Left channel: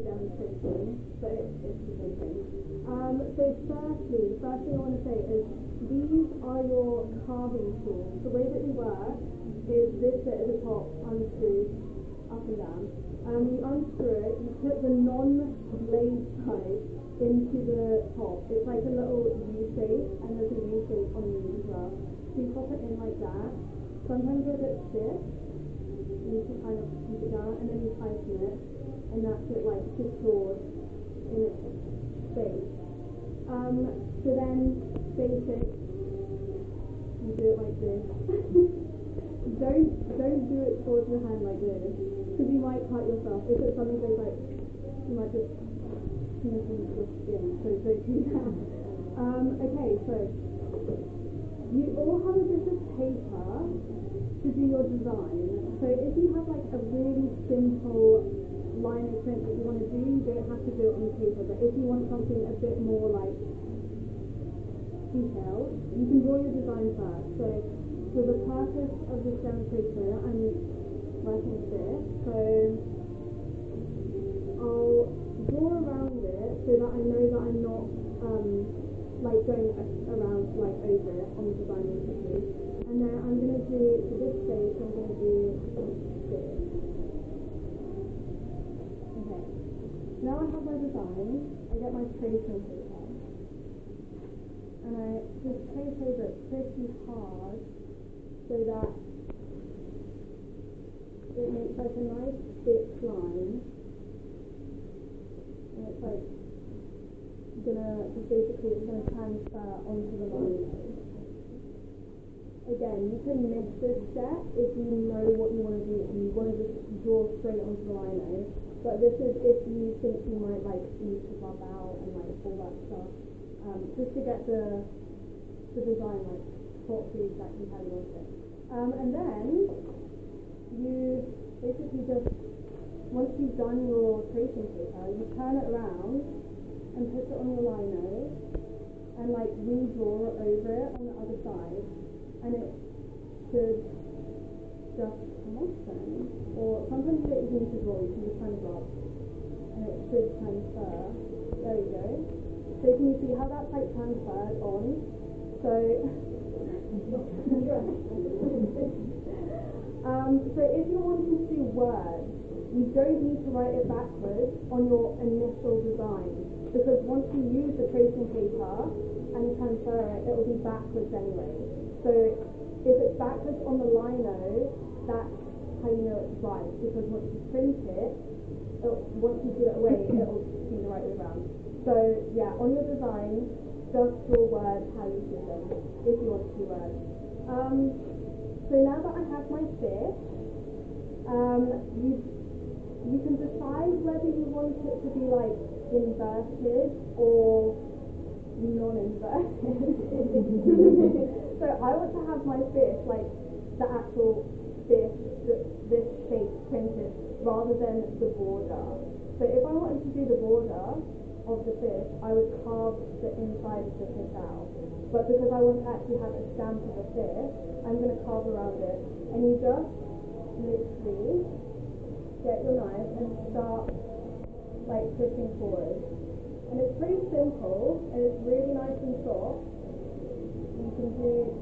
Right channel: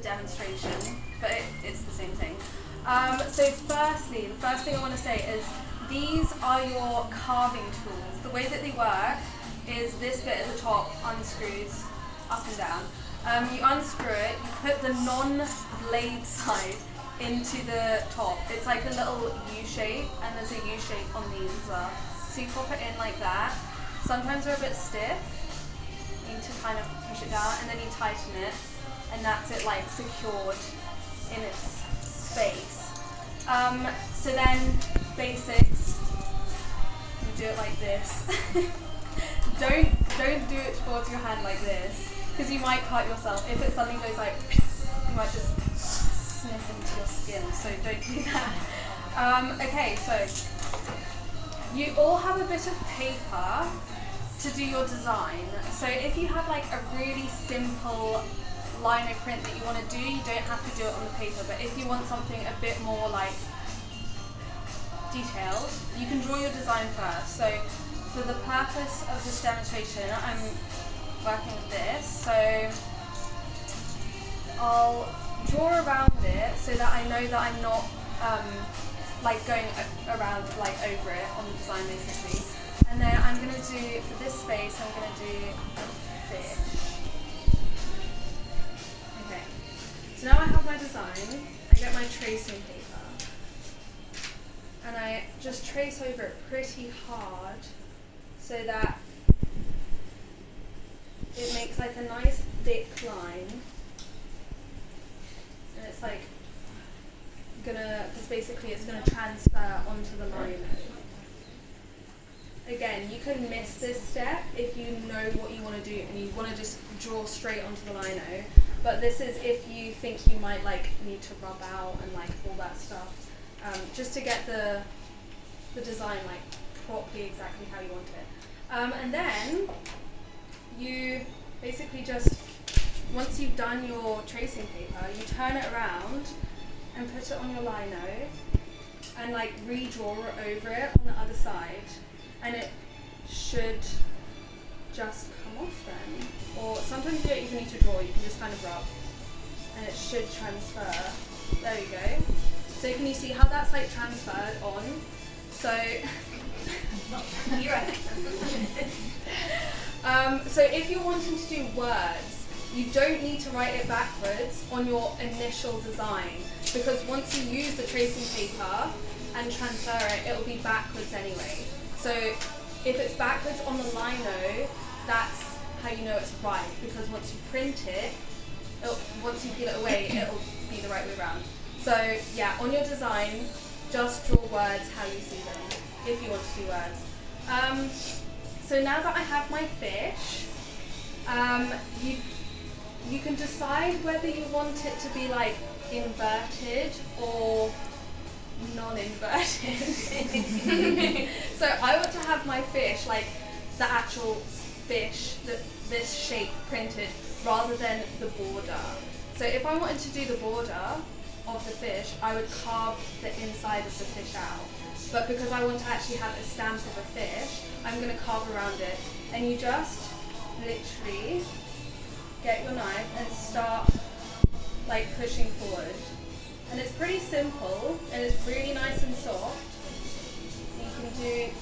the demonstration, but it's the same thing. So firstly, the first thing I want to say is these are your carving tools. The way that they work is this bit at the top unscrews up and down. You unscrew it, you put the non-blade side into the top. It's like a little U shape, and there's a U shape on these as well. So you pop it in like that. Sometimes they're a bit stiff. You need to kind of push it down, and then you tighten it, and that's it, like secured in its space. So then basics, you do it like this. Don't do it towards your hand like this, because you might cut yourself. If it suddenly goes like, you might just snip into your skin, so don't do that. Okay, so you all have a bit of paper to do your design. So if you have like a really simple lino print that you want to do, you don't have to do it on the paper, but if you want something a bit more like detailed, you can draw your design first. So for the purpose of this demonstration, I'm working with this, so I'll draw around it so that I know that I'm not like going around like over it on the design basically. And then I'm going to do, for this space, I'm going to do a fish. Okay, so now I have my design, I get my tracing paper, and I just trace over it pretty hard so that it makes like a nice thick line. And it's like because basically it's gonna transfer onto the lino. Again, you can miss this step if you know what you want to do and you want to just draw straight onto the lino. But this is if you think you might like need to rub out and like all that stuff, just to get the design like properly exactly how you want it. And then you basically just, once you've done your tracing paper, you turn it around and put it on your lino and like redraw over it on the other side, and it should just come off then. Or sometimes you don't even need to draw, you can just kind of rub and it should transfer. There you go. So can you see how that's like transferred on? So so if you're wanting to do words, you don't need to write it backwards on your initial design, because once you use the tracing paper and transfer it, it will be backwards anyway. So if it's backwards on the lino, that's how you know it's right, because once you print it, once you peel it away, it'll be the right way around. So yeah, on your design, just draw words how you see them, if you want to do words. So now that I have my fish, you can decide whether you want it to be like inverted or non-inverted. So I want to have my fish like the actual fish, this shape printed, rather than the border. So if I wanted to do the border of the fish, I would carve the inside of the fish out. But because I want to actually have a stamp of a fish, I'm going to carve around it. And you just literally get your knife and start like pushing forward. And it's pretty simple, and it's really nice and soft. You can do